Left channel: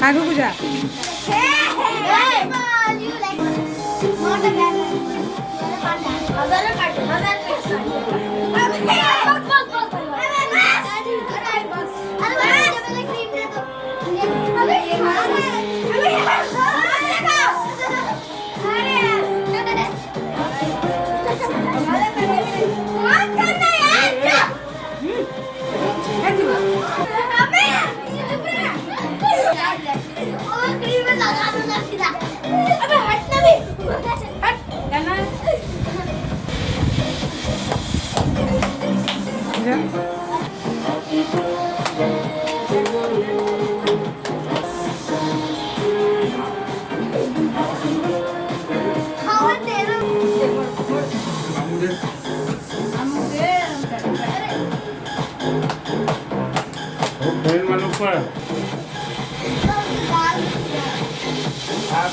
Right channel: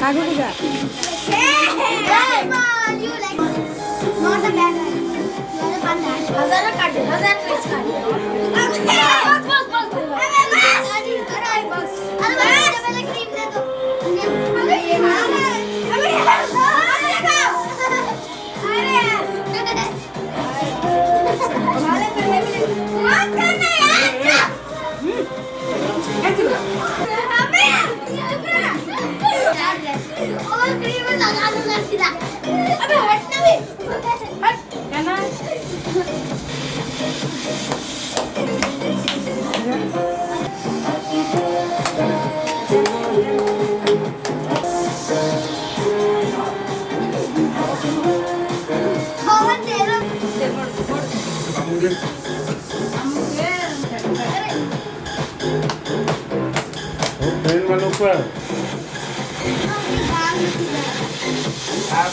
Kaku Puja Not a bad one. You are a panda. Hazara card. Hazara press card. Box. अरे box. अरे मुझे पहले क्रीम दे दो. अरे ये मामा. अरे हमारे करने में मत करना यार. अबे और क्रीम लगा दूंगा सीधा. अबे हट ना बे. क्या ना कौन तेरा ट्रेन वालों पर बाल आप